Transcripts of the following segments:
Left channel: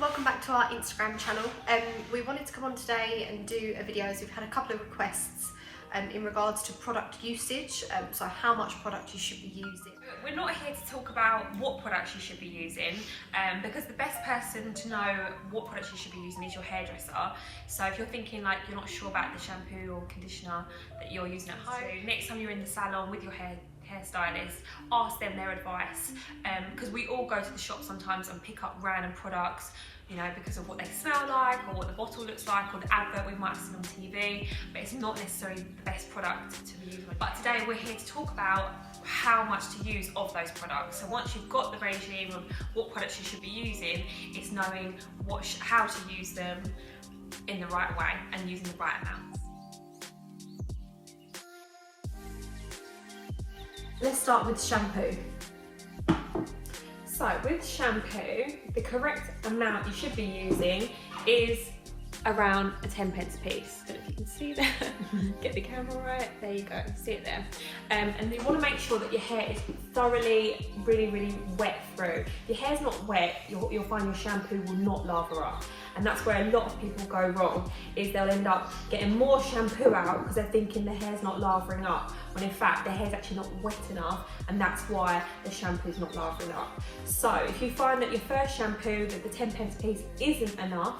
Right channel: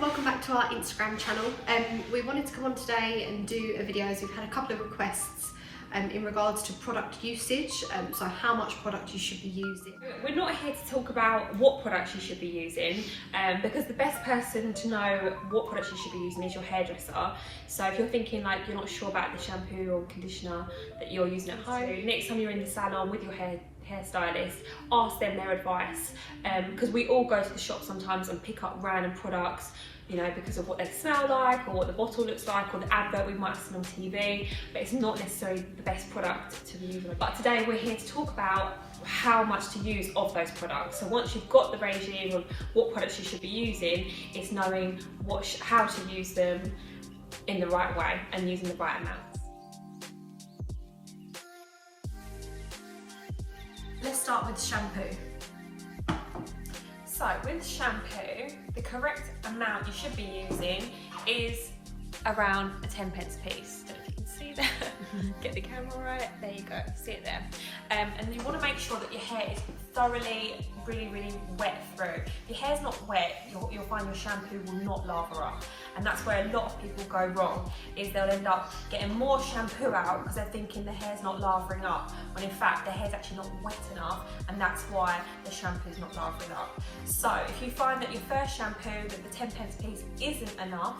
welcome back to our Instagram channel. We wanted to come on today and do a video as we've had a couple of requests in regards to product usage, so how much product you should be using. We're not here to talk about what products you should be using because the best person to know what products you should be using is your hairdresser. So if you're thinking like you're not sure about the shampoo or conditioner that you're using at home, next time you're in the salon with your hairstylist, ask them their advice, because we all go to the shop sometimes and pick up random products, you know, because of what they smell like or what the bottle looks like or the advert we might have seen on TV, but it's not necessarily the best product to be using. But today we're here to talk about how much to use of those products. So once you've got the regime of what products you should be using, it's knowing how to use them in the right way and using the right amount. Let's start with shampoo. So with shampoo, the correct amount you should be using is around a 10p piece. I don't know if you can see that. Get the camera right, there you go, see it there. And you want to make sure that your hair is thoroughly, really wet through. If your hair's not wet, you'll find your shampoo will not lather up. And that's where a lot of people go wrong, is they'll end up getting more shampoo out because they're thinking the hair's not lathering up, when in fact their hair's actually not wet enough, and that's why the shampoo's not lathering up. So if you find that your first shampoo with the 10p piece isn't enough,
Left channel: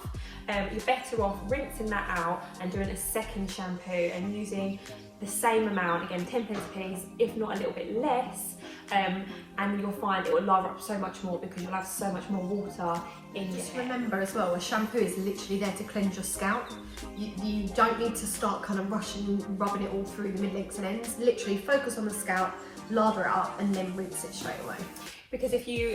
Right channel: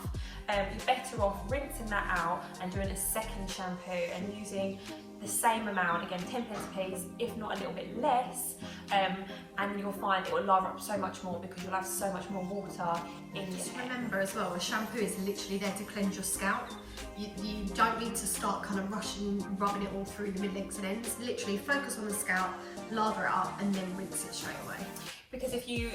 you're better off rinsing that out and doing a second shampoo and using the same amount, again 10p piece, if not a little bit less, and you'll find it will lather up so much more because you'll have so much more water in your hair. Remember as well, a shampoo is literally there to cleanse your scalp. You don't need to start kind of rubbing it all through the mid-lengths and ends. Literally focus on the scalp, lather it up and then rinse it straight away. Because if you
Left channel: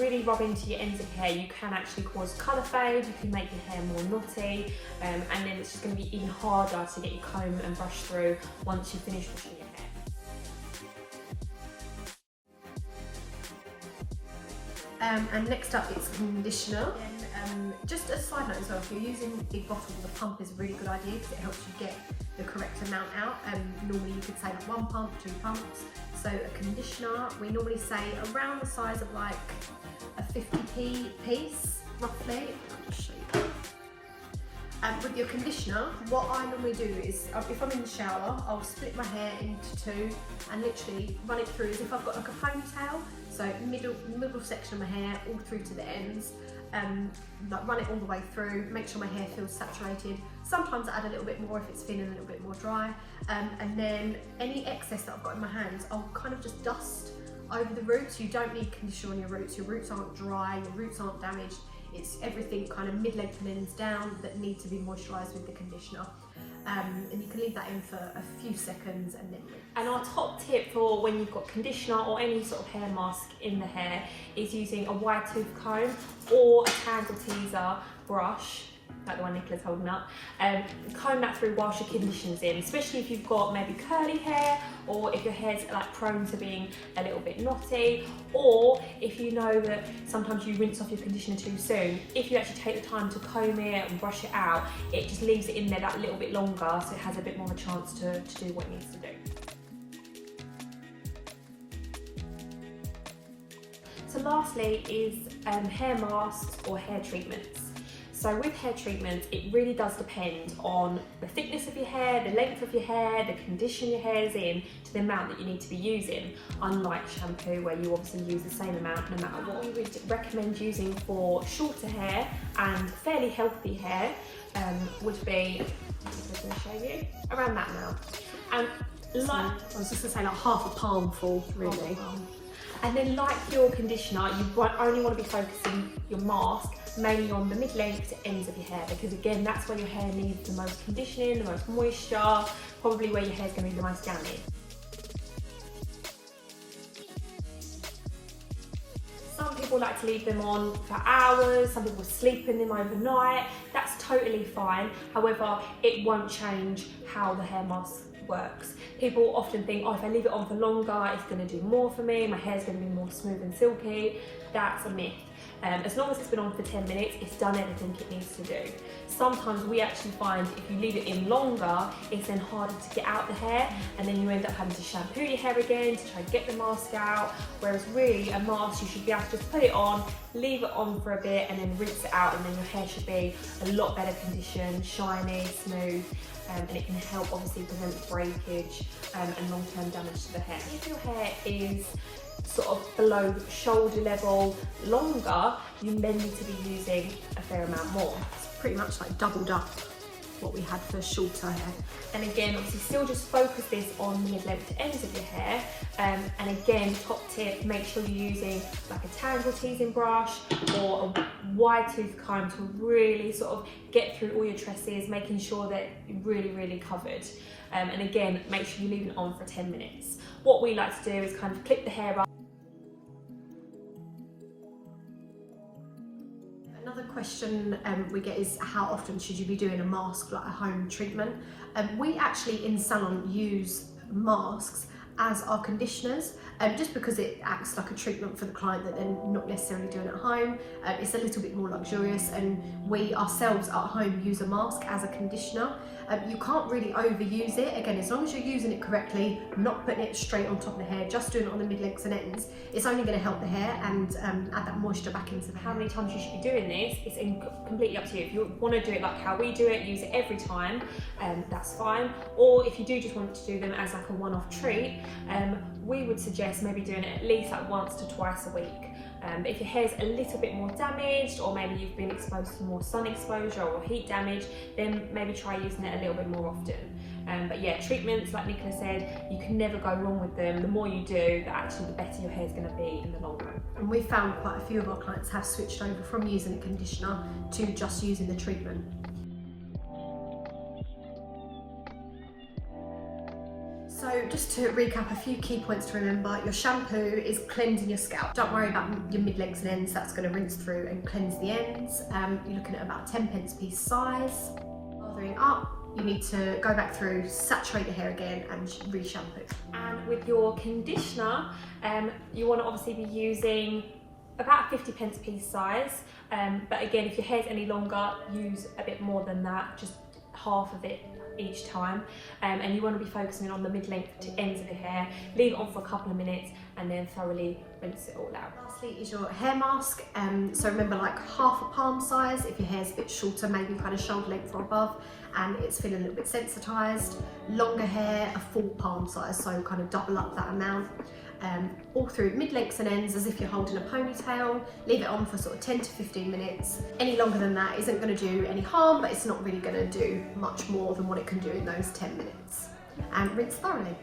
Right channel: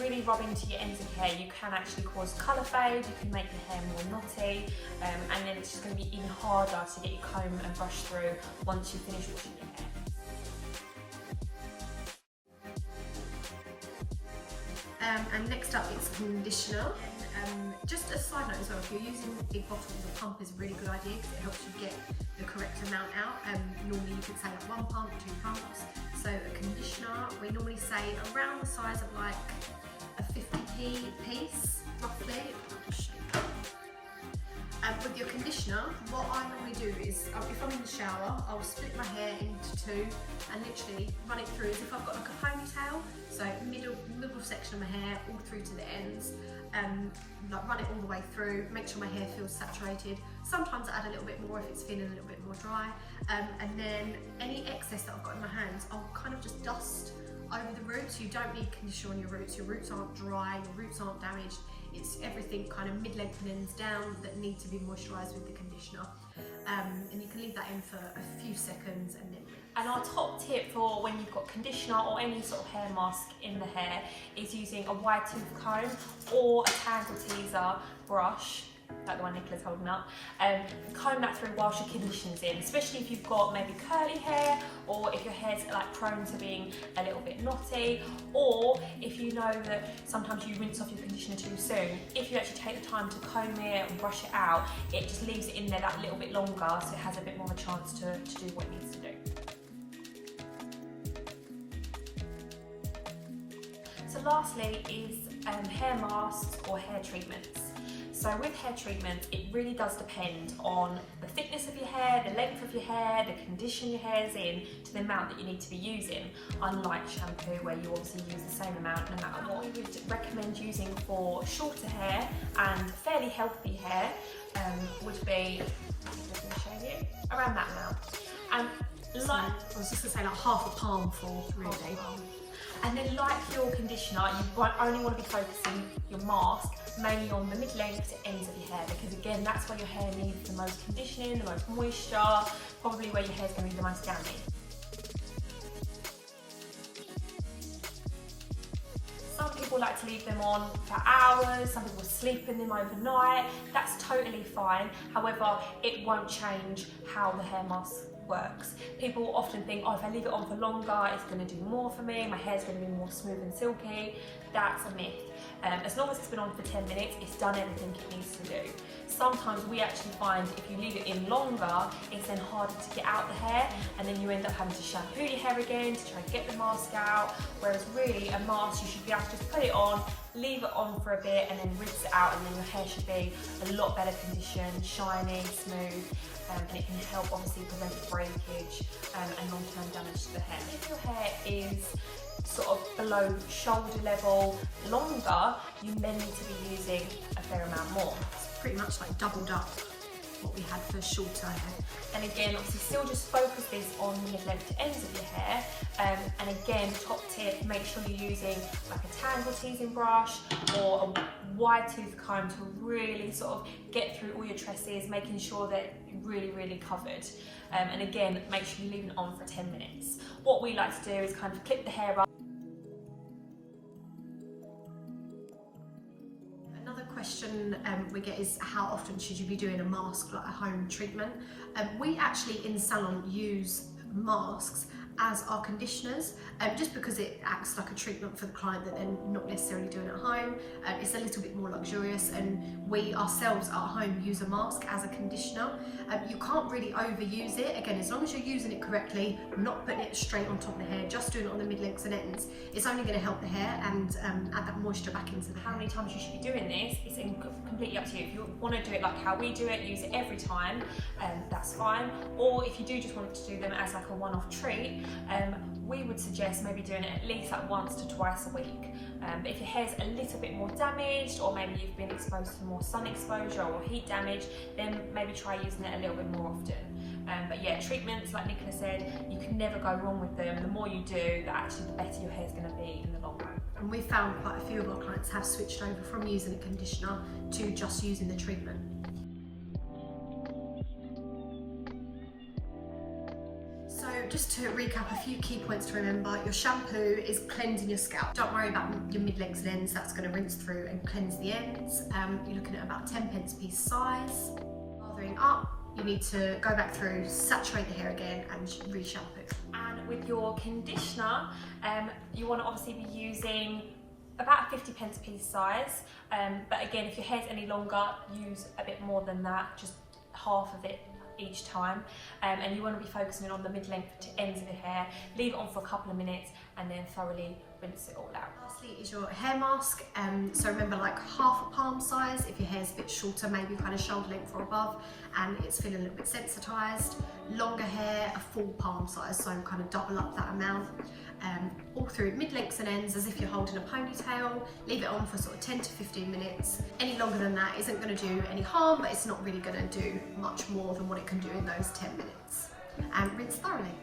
really rub into your ends of your hair, you can actually cause colour fade, you can make your hair more knotty, and then it's just going to be even harder to get your comb and brush through once you finish washing your hair. And next up it's conditioner. And just a side note as well, if you're using a big bottle, the pump is a really good idea because it helps you get the correct amount out. Normally you could say like 1 pump, 2 pumps. So a conditioner, we normally say around the size of like a 50p piece, roughly. I'll just show you. With your conditioner, what I normally do is, if I'm in the shower, I'll split my hair into 2 and literally run it through as if I've got like a ponytail. So middle section of my hair all through to the ends, like run it all the way through, make sure my hair feels saturated. Sometimes I add a little bit more if it's thin and a little bit more dry, and then any excess that I've got in my hands, I'll kind of just dust over the roots. You don't need conditioner on your roots aren't dry, your roots aren't damaged. It's everything kind of mid-length and ends down that need to be moisturised with the conditioner. And you can leave that in for a few seconds and then rinse. And our top tip for when you've got conditioner or any sort of hair mask in the hair is using a wide tooth comb or a candle teaser brush, like the one Nicola's holding up, comb that through whilst your conditioner's in, especially if you've got maybe curly hair, or if your hair's like prone to being a little bit knotty, or if you know that sometimes you rinse off your conditioner too soon. If you actually take the time to comb it and brush it out, it just leaves it in there that little bit longer, so it has a bit more of a chance to do what it needs to do. So lastly is hair masks or hair treatments. So with hair treatment, it really does depend on the thickness of your hair, the length of your hair, the condition your hair is in, to the amount that you need to be using. Unlike shampoo, where you obviously use the same amount no matter what. We would recommend using for shorter hair and fairly healthy hair would be, I'm just going to show you, around that amount. And like, I was just going to say like half a palm full, really. And then like your conditioner, you only want to be focusing your mask mainly on the mid-length to ends of your hair, because again, that's where your hair needs the most conditioning, the most moisture, probably where your hair's going to be the most downy. Some people like to leave them on for hours, some people sleep in them overnight. That's totally fine. However, it won't change how the hair mask works. People often think, oh, if I leave it on for longer, it's going to do more for me, my hair's going to be more smooth and silky. That's a myth. As long as it's been on for 10 minutes, it's done everything it needs to do. Sometimes we actually find if you leave it in longer, it's then harder to get out the hair, and then you end up having to shampoo your hair again to try to get the mask out. Whereas really a mask, you should be able to just put it on, leave it on for a bit, and then rinse it out, and then your hair should be a lot better conditioned, shiny, smooth, and it can help obviously prevent breakage and long-term damage to the hair. If your hair is sort of below shoulder level longer, you then need to be using a fair amount more. Pretty much like doubled up what we had for shorter hair. And again, obviously still just focus this on the mid-length ends of your hair. And again, top tip, make sure you're using like a tangle teasing brush or a wide tooth comb to really sort of get through all your tresses, making sure that you're really covered. And again, make sure you leave it on for 10 minutes. What we like to do is kind of clip the hair up. Another question we get is how often should you be doing a mask, like a home treatment? We actually in salon use masks as our conditioners, just because it acts like a treatment for the client that they're not necessarily doing at home. It's a little bit more luxurious, and we ourselves at home use a mask as a conditioner. You can't really overuse it. Again, as long as you're using it correctly, not putting it straight on top of the hair, just doing it on the mid-lengths and ends, it's only going to help the hair and add that moisture back into the hair. How many times you should be doing this, it's completely up to you. If you want to do it like how we do it, use it every time, that's fine. Or if you do just want to do them as like a one-off treat, we would suggest maybe doing it at least like once to twice a week. But if your hair's a little bit more damaged, or maybe you've been exposed to more sun exposure or heat damage, then maybe try using it a little bit more often. But yeah, treatments, like Nicola said, you can never go wrong with them. The more you do, the better your hair's going to be in the long run. And we found quite a few of our clients have switched over from using a conditioner to just using the treatment. So just to recap a few key points to remember, your shampoo is cleansing your scalp. Don't worry about your mid-lengths and ends, that's going to rinse through and cleanse the ends. You're looking at about 10 pence piece size. Lathering up, you need to go back through, saturate the hair again and re-shampoo. And with your conditioner, you want to obviously be using about 50 pence piece size. But again, if your hair's any longer, use a bit more than that, just half of it each time, and you want to be focusing on the mid-length to ends of the hair. Leave it on for a couple of minutes and then thoroughly rinse it all out. Lastly is your hair mask. So remember, like half a palm size if your hair's a bit shorter, maybe kind of shoulder length or above, and it's feeling a little bit sensitized. Longer hair, a full palm size, so kind of double up that amount. All through mid-lengths and ends as if you're holding a ponytail. Leave it on for sort of 10 to 15 minutes. Any longer than that isn't going to do any harm, but it's not really going to do much more than what it can do in those 10 minutes. And rinse thoroughly.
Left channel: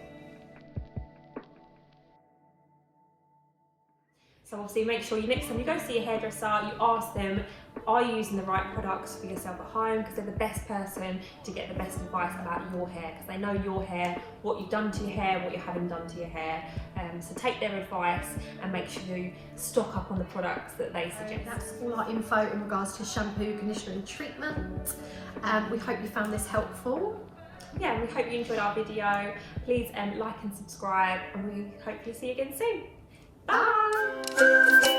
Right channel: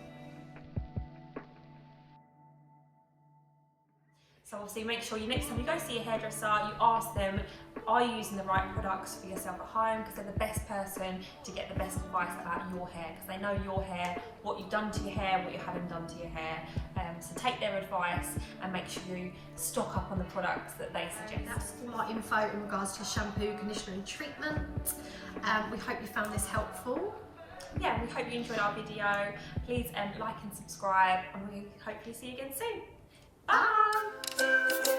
So obviously make sure next time you go see your hairdresser, you ask them, are you using the right products for yourself at home? Because they're the best person to get the best advice about your hair, because they know your hair, what you've done to your hair, what you haven't done to your hair. So take their advice and make sure you stock up on the products that they suggest. That's all our info in regards to shampoo, conditioner and treatment. We hope you found this helpful. Yeah, we hope you enjoyed our video. Please like and subscribe, and we hopefully see you again soon. Bye!